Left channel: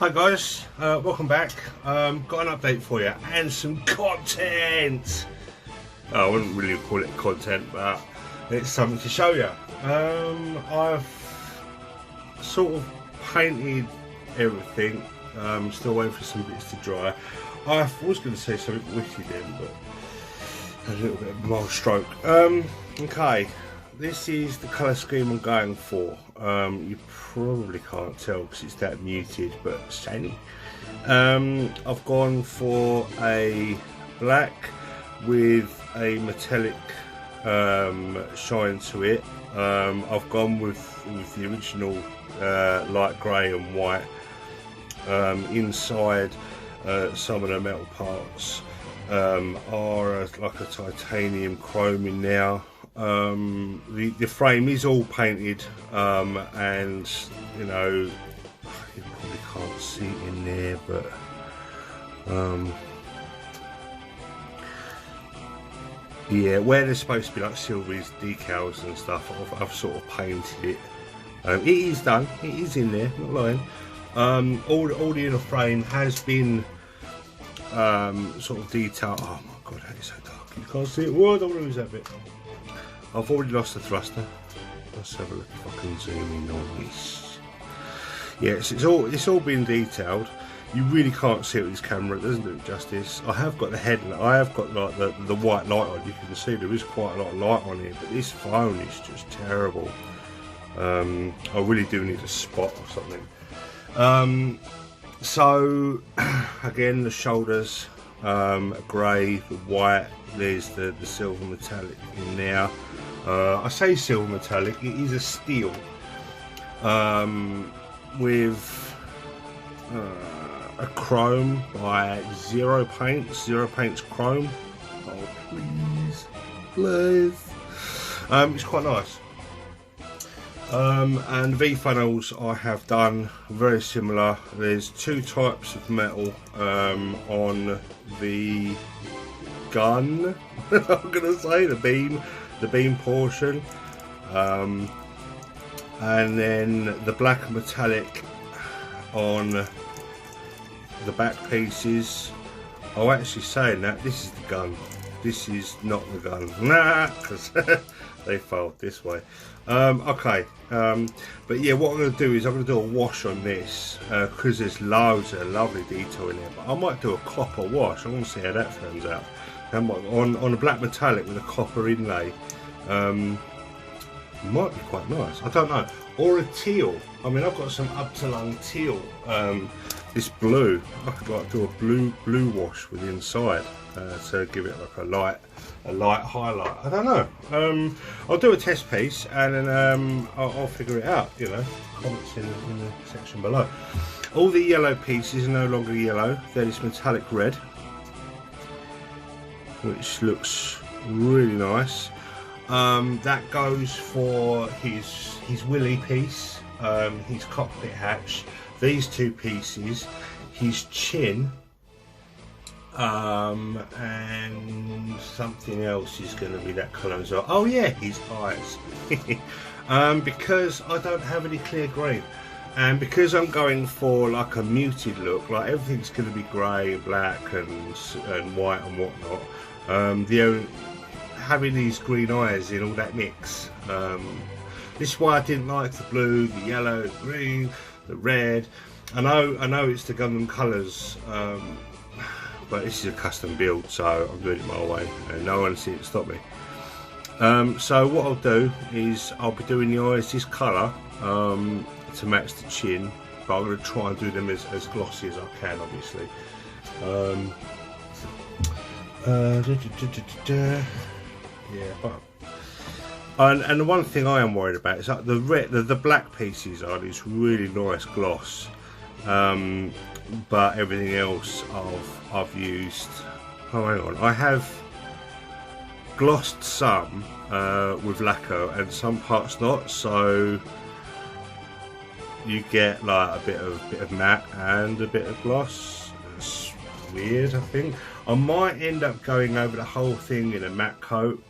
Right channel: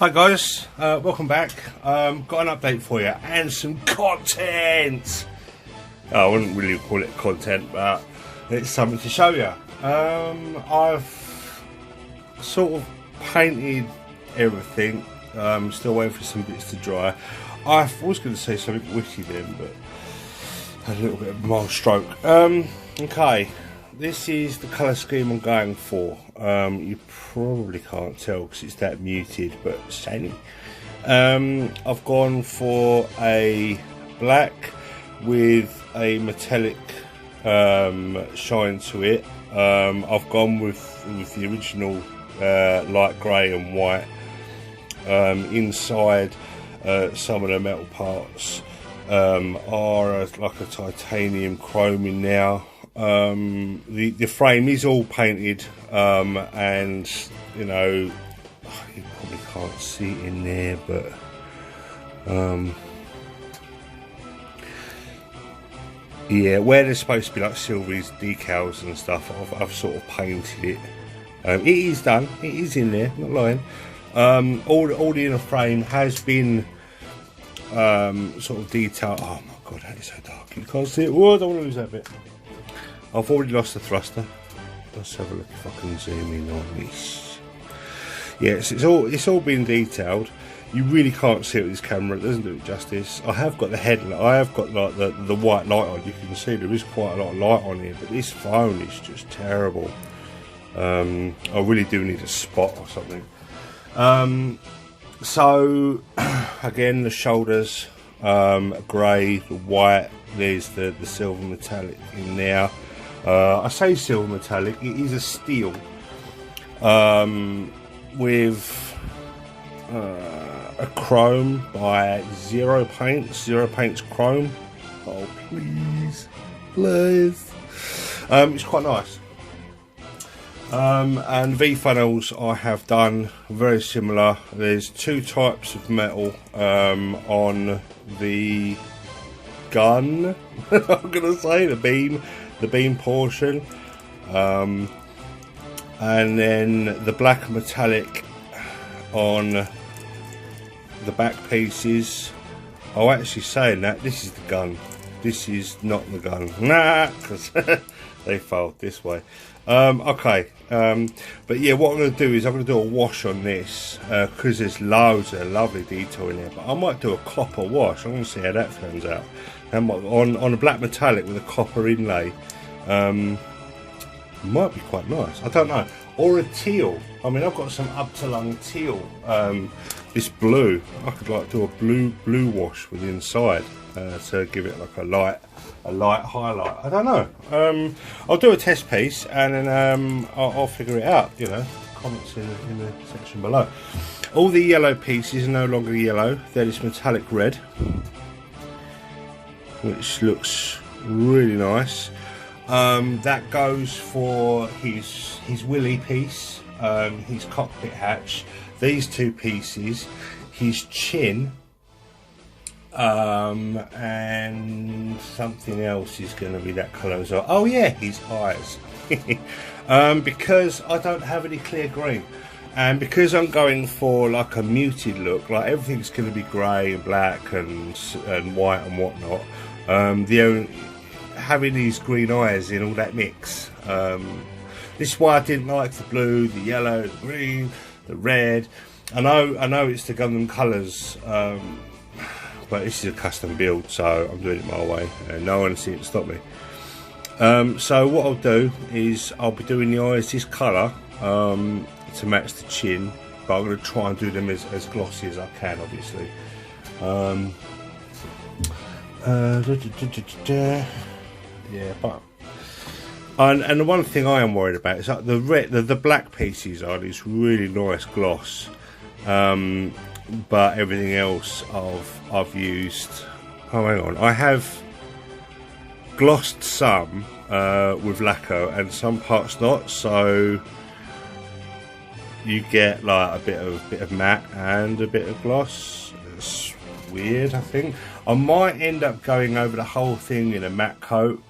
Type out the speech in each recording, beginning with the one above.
Hi guys, welcome back. Got an update for you and some content. I wouldn't really call it content, but it's something to show you. I've sort of painted everything. Still waiting for some bits to dry. I was going to say something witty then, but a little bit of a mild stroke. Okay, this is the colour scheme I'm going for. You probably can't tell because it's that muted, but shiny. I've gone for a black with a metallic shine to it. I've gone with the original light grey and white. Inside some of the metal parts are like a titanium chrome in now. The frame is all painted, and you know, you probably can't see it in there, but yeah, where there's supposed to be like silveries decals and stuff, I've sort of painted it. It is done, it is in there, not lying. All the inner frame has been sort of detailed. Oh my god, that is so dark, you can't see it. Whoa, I don't want to lose that bit. I've already lost the thruster. Let's have a look if I can zoom in on this. Yes, it's all been detailed. You really can't see it with this camera, it doesn't do it justice. I have got the headlight, I have got like the white light on. You can see there is quite a lot of light on here, but this phone is just terrible. I really do need a spot or something. So again, the shoulders grey, the white, there's the silver metallic in there. I say silver metallic, it is a steel with a chrome by Zero Paints. Zero Paints chrome. Oh please, please. It's quite nice. And V-funnels I have done very similar. There's two types of metal on the gun. I'm gonna say the beam portion, and then the black metallic on the back pieces. Oh, actually saying that, this is the gun. This is not the gun. Nah, because they fold this way. Okay, but yeah, what I'm going to do is I'm going to do a wash on this because there's loads of lovely detail in there. But I might do a copper wash. I'm going to see how that turns out. On a black metallic with a copper inlay, might be quite nice. I don't know. Or a teal. I mean, I've got some up to lung teal. It's blue. I could like do a blue wash with the inside to give it like a light highlight. I don't know. I'll do a test piece and then I'll figure it out. You know, comments in the section below. All the yellow pieces are no longer yellow. They're this metallic red, which looks really nice. That goes for his willy piece, his cockpit hatch. These two pieces, his chin, and something else is going to be that colour as well. Oh yeah, his eyes. Because I don't have any clear green, and because I'm going for like a muted look, like everything's going to be grey and black and white and whatnot. Having these green eyes in all that mix. This is why I didn't like the blue, the yellow, the green, the red. I know it's the Gundam colours, but this is a custom build, so I'm doing it my way, and no one can stop me. So what I'll do is I'll be doing the eyes this colour to match the chin, but I'm going to try and do them as glossy as I can, obviously. Yeah, but and the one thing I am worried about is like the black pieces are this really nice gloss, but everything else I've used. Oh, hang on, I have glossed some with lacquer and some parts not, so you get like a bit of matte and a bit of gloss. It's weird. I think I might end up going over the whole thing in a matte coat.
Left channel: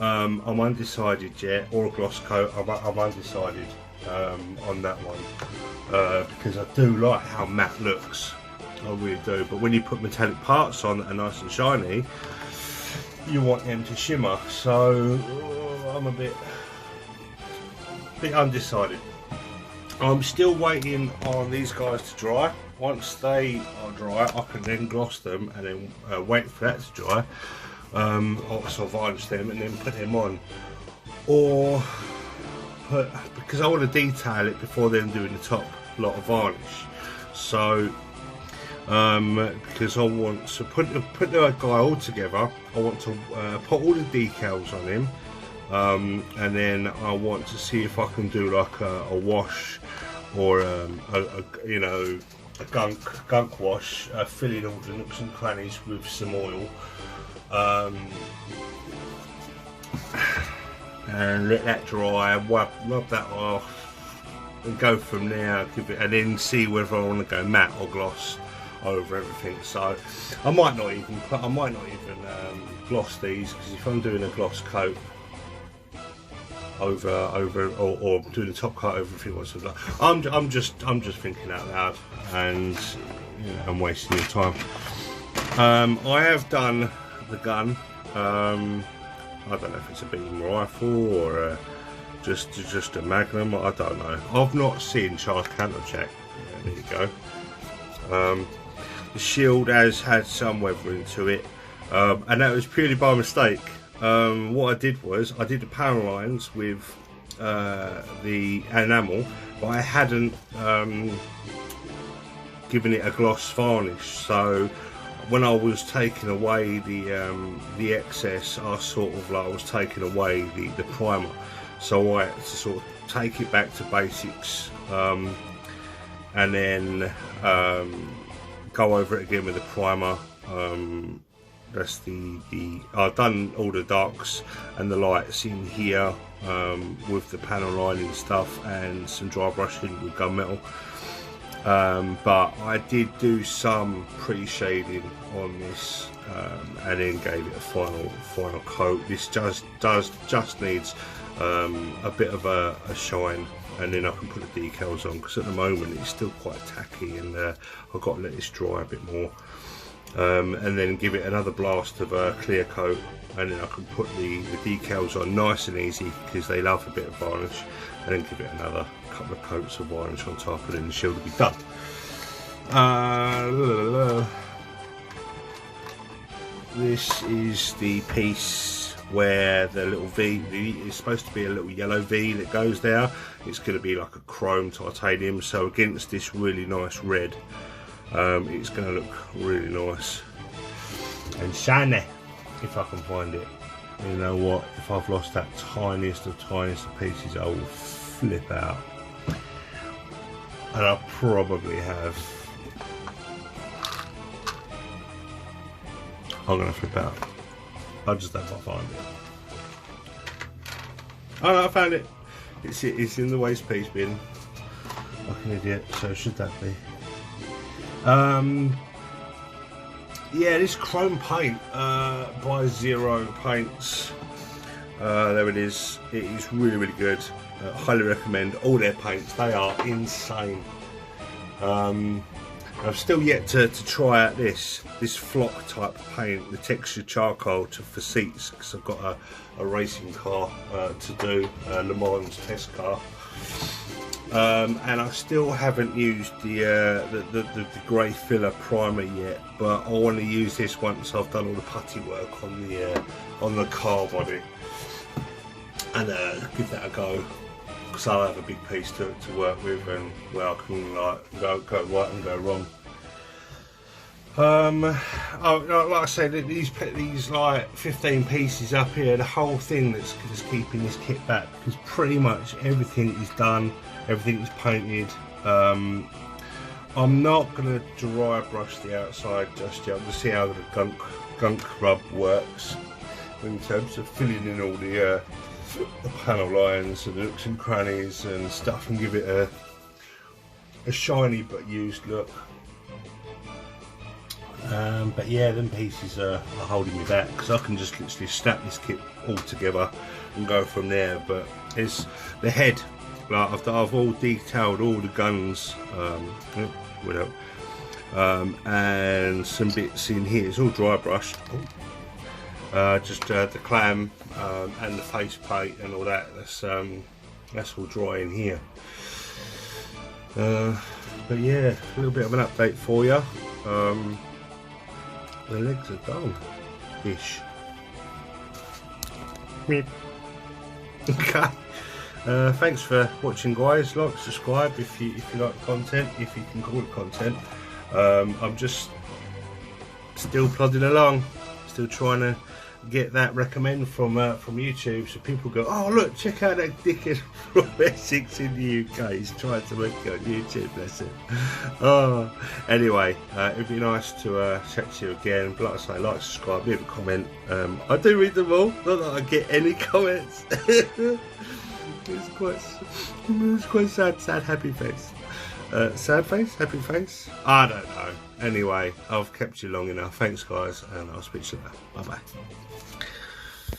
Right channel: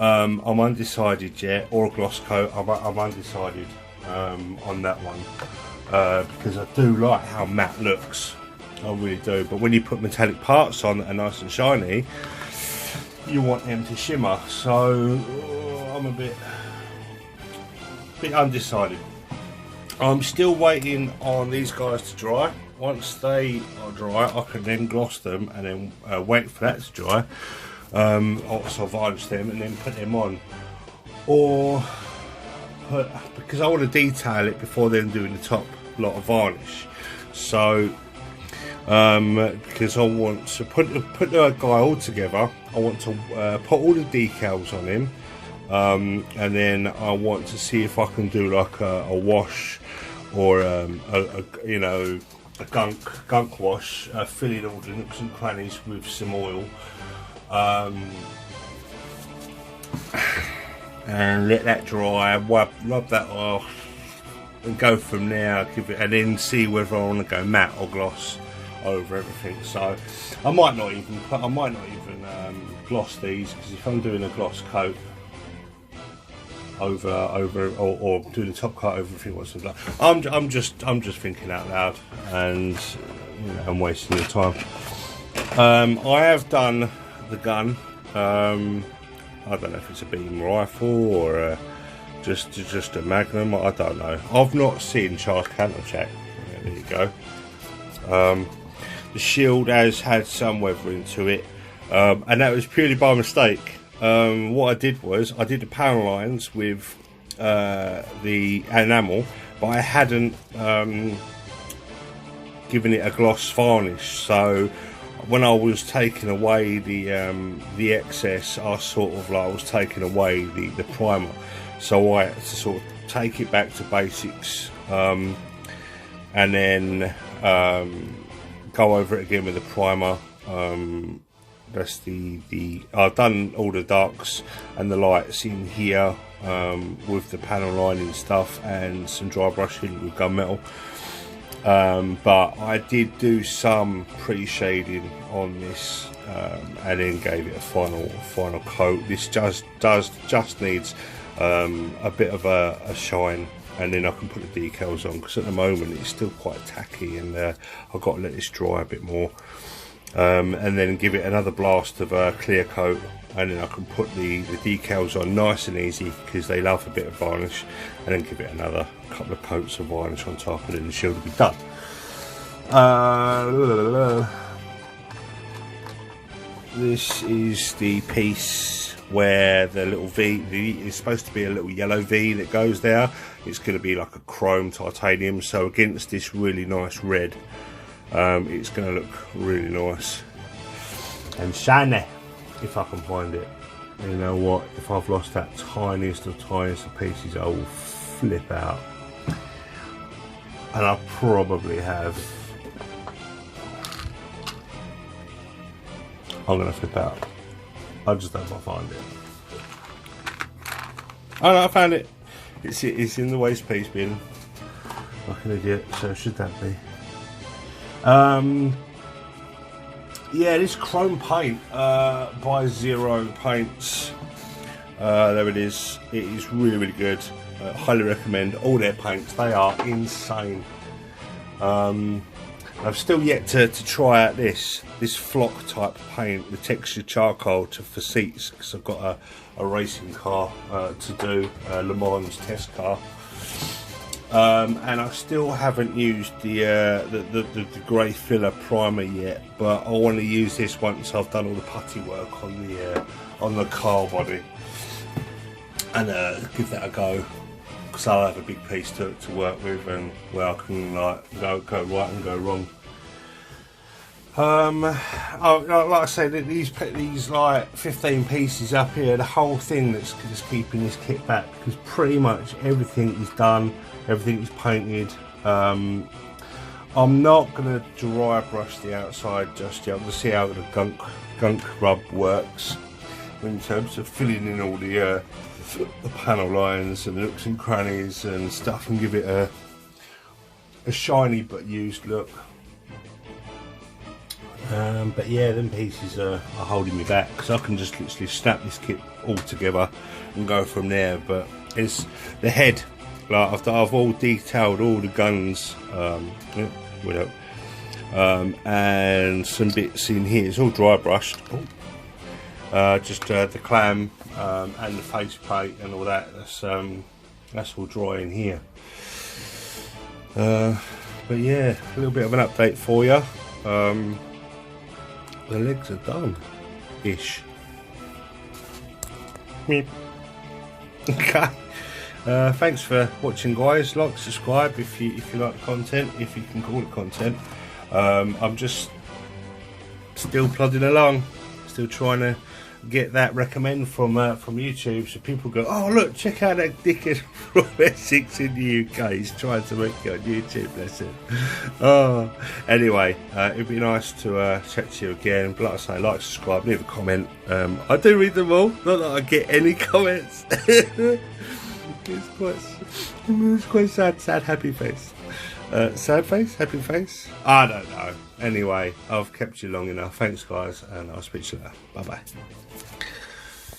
I'm undecided yet, or a gloss coat. I'm undecided. on that one, because I do like how matte looks. I really do. But when you put metallic parts on that are nice and shiny, you want them to shimmer. So I'm a bit undecided. I'm still waiting on these guys to dry. Once they are dry, I can then gloss them and then wait for that to dry. Also varnish them and then put them on. Or because I want to detail it before then doing the top lot of varnish. So because I want to put the guy all together, I want to put all the decals on him, and then I want to see if I can do like a wash or you know, a gunk wash, filling all the nooks and crannies with some oil, and let that dry, rub that off, and go from there. And then see whether I want to go matte or gloss over everything. So I might not even gloss these, because if I'm doing a gloss coat over or doing a top coat over everything, I'm just thinking out loud, and you know, I'm wasting your time. I have done the gun. I don't know if it's a beam rifle or just a magnum. I don't know. I've not seen charged counter-check. There you go. The shield has had some weathering to it, and that was purely by mistake. What I did was I did the panel lines with the enamel, but I hadn't given it a gloss varnish. So when I was taking away the excess, I sort of like was taking away the primer. So I had to sort of take it back to basics, and then go over it again with the primer. That's I've done all the darks and the lights in here, with the panel lining stuff and some dry brushing with gunmetal. But I did do some pre-shading on this, and then gave it a final coat. This just needs a bit of a shine, and then I can put the decals on, because at the moment it's still quite tacky, and I've got to let this dry a bit more, and then give it another blast of a clear coat, and then I can put the decals on nice and easy, because they love a bit of varnish, and then give it another couple of coats of varnish on top, and then the shield will be done. This is the piece where the little V is supposed to be a little yellow V that goes there. It's going to be like a chrome titanium, so against this really nice red, it's going to look really nice and shiny, if I can find it. You know what, if I've lost that tiniest of pieces, I will flip out, and I probably have. I'm going to flip out. I just don't find it. Oh no, I found it. It's in the waste piece bin. Like an idiot. So should that be? Yeah, this chrome paint by Zero Paints. There it is. It is really good. Highly recommend all their paints. They are insane. I've still yet to try out this flock type paint, the textured charcoal for seats, because I've got a racing car to do, Le Mans test car, and I still haven't used the grey filler primer yet, but I want to use this once I've done all the putty work on the car body, and give that a go. So I'll have a big piece to work with, and where I can like go right and go wrong. Like I said, these like 15 pieces up here, the whole thing that's keeping this kit back, because pretty much everything is done, everything is painted. I'm not going to dry brush the outside just yet. We'll see how the gunk rub works in terms of filling in all the panel lines and nooks and crannies and stuff, and give it a shiny but used look. But yeah, them pieces are holding me back, because I can just literally snap this kit all together and go from there. But it's the head Like I've all detailed all the guns, and some bits in here. It's all dry brushed. Just the clam and the faceplate and all that. That's all dry in here. But yeah, a little bit of an update for you. The legs are done, ish. Okay. Thanks for watching, guys. Like, subscribe if you like the content, if you can call it content. I'm just still plodding along, still trying to get that recommend from YouTube, so people go, oh look, check out that dickhead from Essex in the UK. He's trying to work on YouTube, bless him. Oh, anyway, it'd be nice to chat to you again. Like I say, like, subscribe, leave a comment. I do read them all, not that I get any comments. It's quite sad, happy face. Sad face, happy face, I don't know. Anyway, I've kept you long enough. Thanks, guys, and I'll speak to you later. Bye bye.